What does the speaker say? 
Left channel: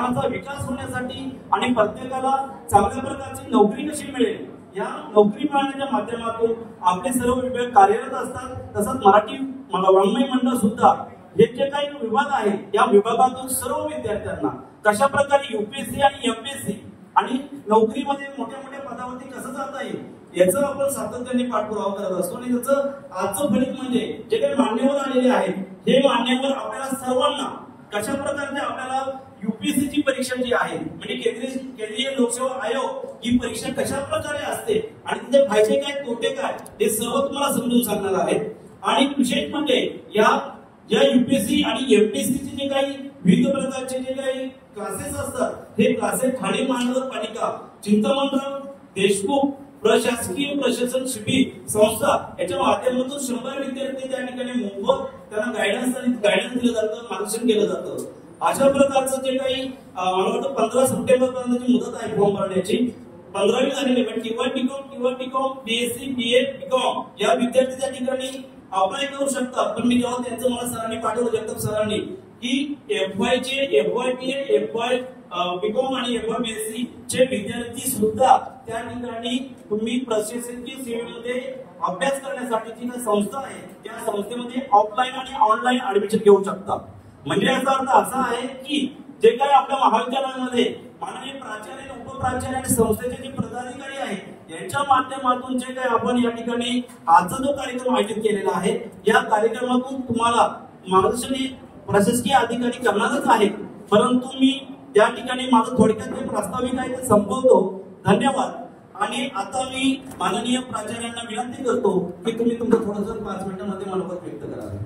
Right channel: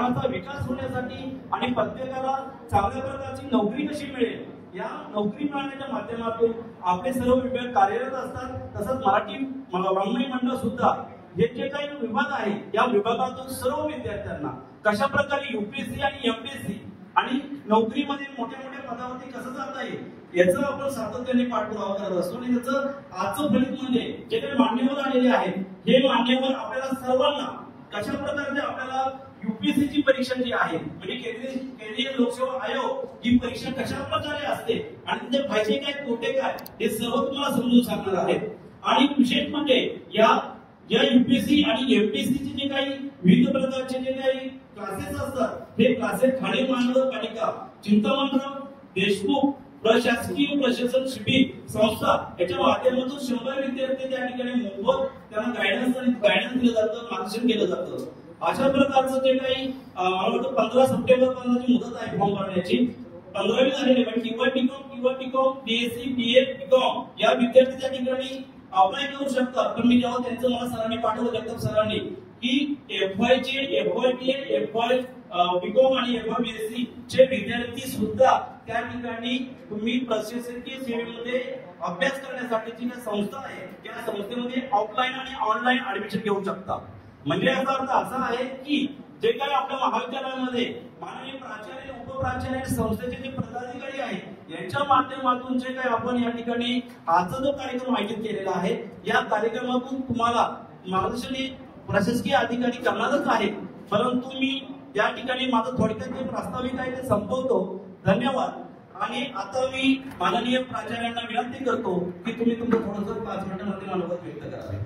समाजाचा विकास होण्यासाठी आणि प्रत्येकाला चांगल्या प्रकारची नोकरी कशी मिळेल या नोकरी मिळण्याच्या माध्यमातून आपले सर्व विभाग कार्यरत असतात। तसंच मराठी वाङ्मय मंडळ सुद्धा हे जे काही विभाग आहे या विभागातून सर्व विद्यार्थ्यांना कशा प्रकारे यूपीएससी आणि एमपीएससी आणि नोकरीमध्ये मोठ्या मोठ्या पदावरती कसं जाता येईल याचं आपण सातत्याने पाठपुरावा करत असतो। आणि त्याचं आजचं फलित म्हणजे जे काही मान्यवर आलेले आहेत हे मान्यवर आपल्याला सर्वांना कशा प्रकारे आपल्याला यूपीएससी ची परीक्षा जी आहे म्हणजे केंद्रीय लोकसेवा आयोग ही परीक्षा कशा प्रकारे असते आणि त्याचे फायदे काय तोटे काय हे सर्व तुम्हाला समजून सांगणार आहेत। आणि विशेष म्हणजे या यूपीएससी आणि एमपीएससी चे जे काही विविध प्रकारचे जे काही क्लासेस असतात हे क्लासेस ठाणे महानगरपालिका चिंतामणराव देशमुख प्रशासकीय प्रशासन शिबिर संस्था याच्या माध्यमातून 100 विद्यार्थी त्या ठिकाणी मोफत त्यांना गायडन्स दिलं जातं, मार्गदर्शन केलं जातं। अशा प्रकारचं जे काही मला वाटतं 15 सप्टेंबर पर्यंतची मुदत आहे फॉर्म भरण्याची 15वी झालेली पण किंवा टीकॉम बीएससी बीए बीकॉम या विद्यार्थी त्या ठिकाणी अप्लाय करू शकतात। पण मी जेव्हा त्यांचं मला सरांनी पाठवलं जगताप सरांनी की एफवायचे एफवायपीए एफवाय बीकॉम आणि एफवाय बीएससी चे विद्यार्थी सुद्धा त्या ठिकाणी तुम्ही प्रशासकीय सेवेमध्ये अभ्यास करण्यासाठी जी संस्था आहे त्या संस्थेमध्ये ऑफलाईन आणि ऑनलाईन ऍडमिशन घेऊ शकता। म्हणजे याचा अर्थ असा आहे की जे काही आपल्या महाविद्यालयामध्ये माननीय प्राचार्य उपप्राचार्य आणि संस्थेचे जे पदाधिकारी आहेत यांच्या माध्यमातून जे काही आपण या ठिकाणी आजचा जो कार्यक्रम आयोजित केलेला आहे या कार्यक्रमातून तुम्हाला मार्गदर्शन प्रशासकीय अधिकारी करणारच आहे। परंतु मी या ठिकाणी माझं थोडक्यात जे प्रास्ताविक आहे ते संपवतो। धन्यवाद। आणि आता मी माननीय प्राचार्यांना विनंती करतो की तुम्ही तुमचं थोडंसं 5 मिनिटांमध्ये मनोगत व्यक्त करावे।